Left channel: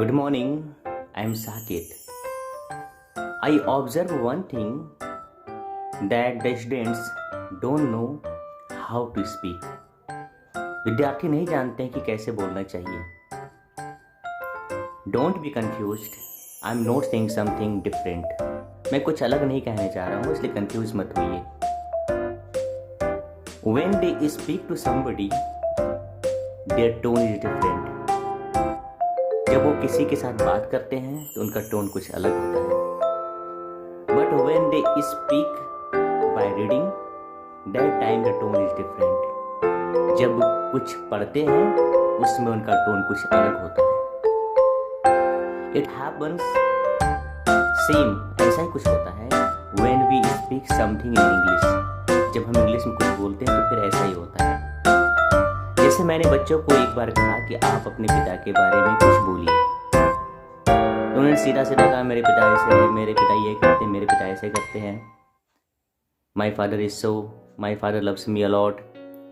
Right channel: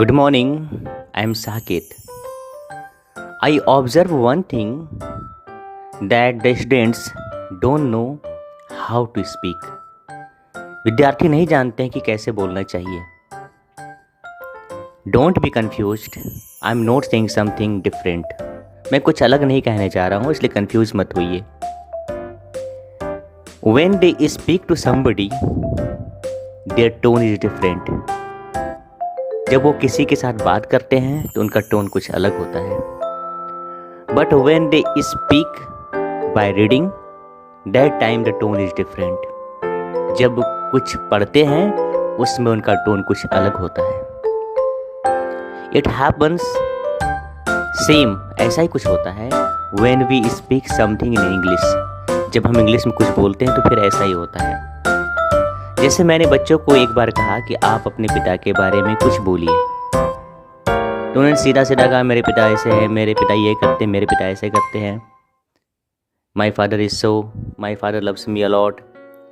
Good morning, I am Saket. I observe one thing that the students don't know how to speak. विद्यार्थी नहीं जानते हैं कि कैसे बोलना चाहिए. Don't be confused. I am not saying something different. मैं कुछ अलग नहीं कहने जा रहा हूँ, इसलिए कंफ्यूज मत होइए. When they speak to somebody, their tone is different. जब वो किसी के साथ बात करते हैं तो उनका टोन कुछ अलग होता है. But when they speak by reading that time the tone is different. जब कुछ पढ़ते हैं उसमें उनका टोन कुछ अलग होता है. इट हैपन्स सेम, ऐसा ही कुछ होता है when we speak something in English. जब हम इंग्लिश में कुछ बोलते हैं तो फिर ऐसा ही होता है. जैसे मैंने बच्चों को एक बार कहा कि आप अपने पिता के बारे में कुछ बोलिए, तो उन्होंने सीधा सीधा कहा मेरे पिता ऐसे हैं, मेरे पिता ये करते हैं, मेरे पिता ऐसे करते हैं. My father is so, my father loves me allot.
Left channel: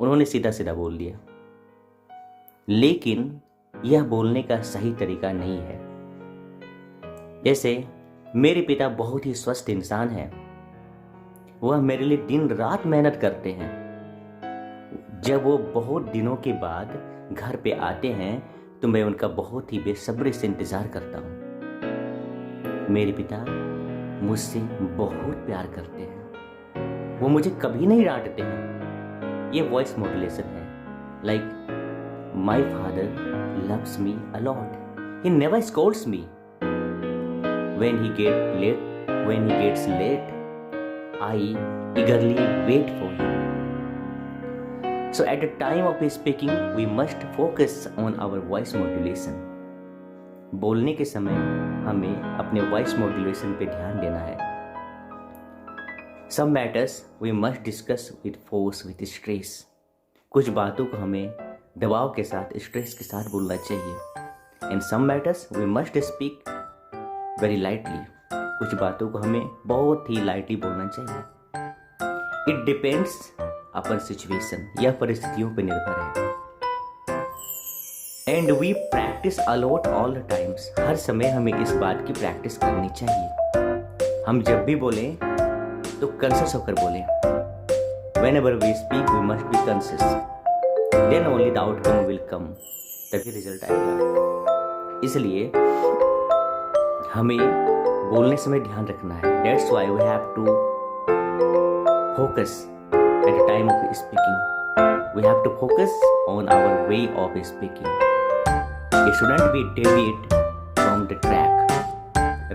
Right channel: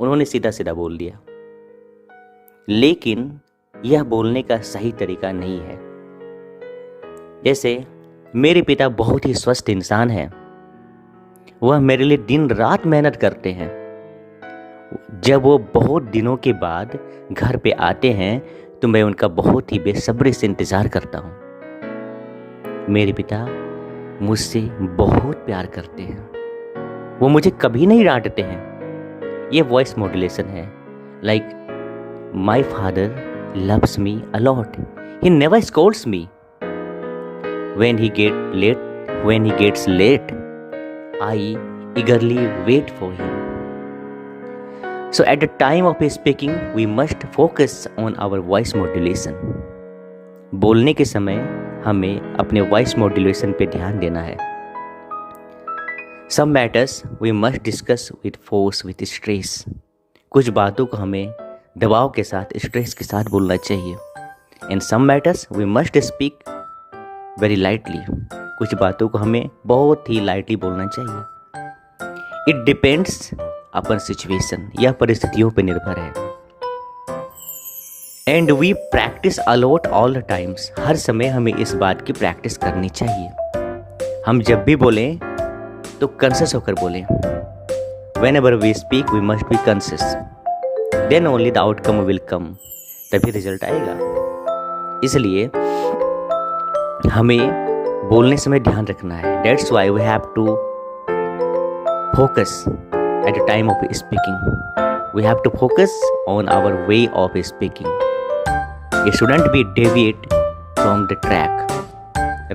उन्होंने सीधा सीधा बोल दिया. लेकिन यह बोलने का सही तरीका नहीं है. जैसे मेरे पिता बहुत ही स्वस्थ इंसान हैं, वह मेरे लिए दिन रात मेहनत करते हैं. जब वो बहुत दिनों के बाद घर पे आते हैं तो मैं उनका बहुत ही बेसब्री से इंतज़ार करता हूँ. मेरे पिता मुझसे बहुत प्यार करते हैं, वो मुझे कभी नहीं डांटते हैं. ये वॉइस मॉड्यूलेशन है. Like my father loves me a lot, he never scolds me. When he gets late I eagerly wait for him. So at the time of speaking, we must focus on our voice modulation. बोलने के समय हमें अपने voice modulation पे ध्यान देना है. Some matters we must discuss with force, with stress. कुछ बातों को हमें दबाव के साथ, स्ट्रेस के साथ बोलना चाहिए. And some matters we must speak very lightly. कुछ बातों को हमें बहुत ही लाइटली बोलना चाहिए. It depends अपन सिचुएशन, यह परिस्थितियों पर निर्भर है. And we practise a lot all the times. हर समय हमें इस बात की प्रैक्टिस करनी चाहिए. हम जब भी बोलें तो कॉन्शियस होकर बोलें. Whenever we speak we must be conscious. Then only the outcome will come. तभी रिजल्ट आएगा. इसलिए हमें बोलने समय ध्यान रखना है. That's why we have to focus at the time of speaking. We have to focus on our way of speaking. It shouldn't be deviate from the track.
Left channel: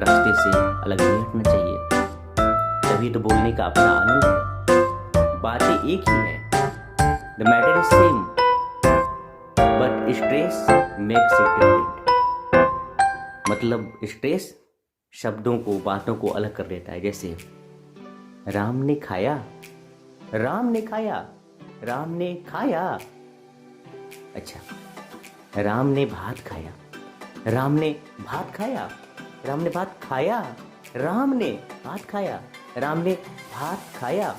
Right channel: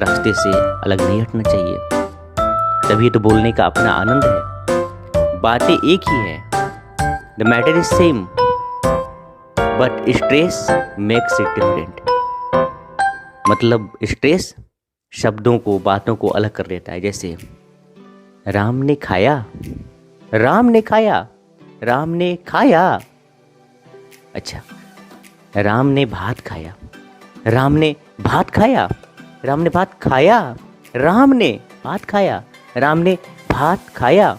रास्ते से अलग नहीं हटना चाहिए. तभी तो बोलने का अपना आनंद है. बातें एक ही है. The matter is same, but stress makes it different. मतलब स्ट्रेस शब्दों को, बातों को अलग कर देता है. जैसे राम ने खाया, राम ने खाया, राम ने खाया. अच्छा, राम ने भात खाया, राम ने भात खाया, राम ने भात खाया, राम ने भात खाया, राम ने भात खाया.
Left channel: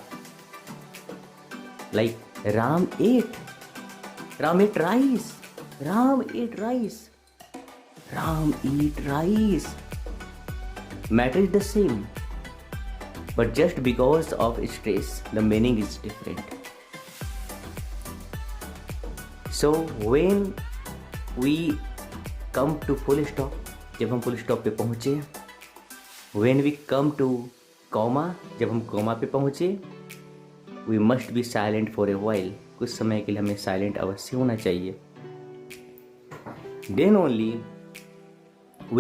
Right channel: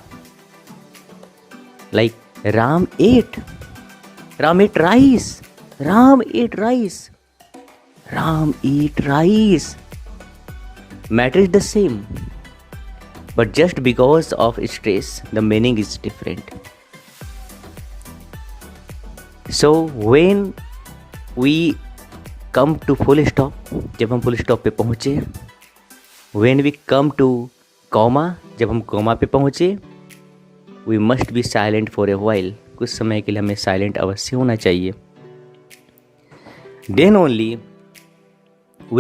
Like Ram ate rice, Ram ate rice, Ram eat rice. Matter is the same. But just because of stress, the meaning is different. So when we come to full stop, जब हम full stop पे पहुँचे, when we come to comma, जब हम comma पे पहुँचे, we must be silent for a while. कुछ समय के लिए हमें silent अवश्य होना चाहिए. Then only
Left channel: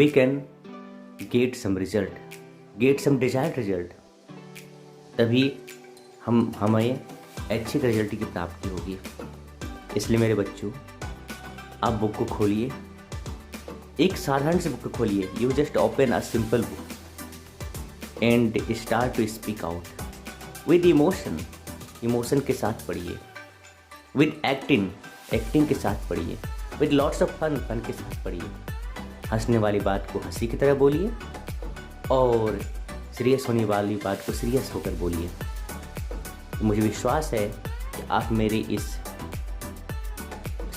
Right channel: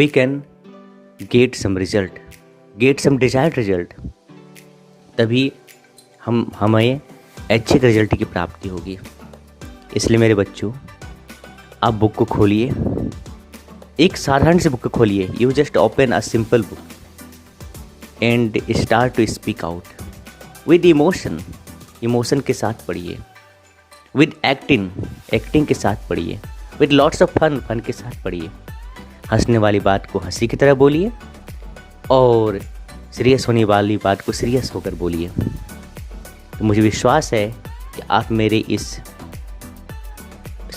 we can get some result, get some desired result. तभी हमें अच्छे रिजल्ट की प्राप्ति होगी. इसलिए मेरे बच्चों, आप बुक को खोलिए, एक साधारण सी बुक को खोलिए. You just open a simple book and start to speak out with emotion. Emotion के साथ पढ़िए. विद एक्टिंग के साथ पढ़िए. विद लॉट्स ऑफ फन के साथ पढ़िए. हंसने वाली बात को हंसी की तरह बोलिए और सीरियस होने वाली बात को सीरियस होकर बोलिए. तो मुझे विश्वास है कि आप मेरे इस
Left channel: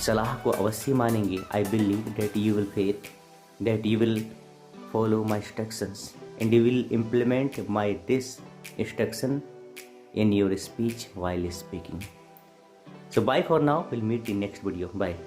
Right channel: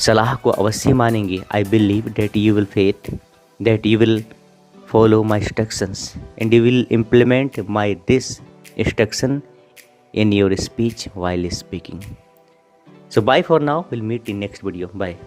सलाह को अवश्य मानेंगे. I believe that you will faith that you will follow my instructions and you will implement my this instruction in your speech while speaking. So bye for now. We'll meet in next video. Bye.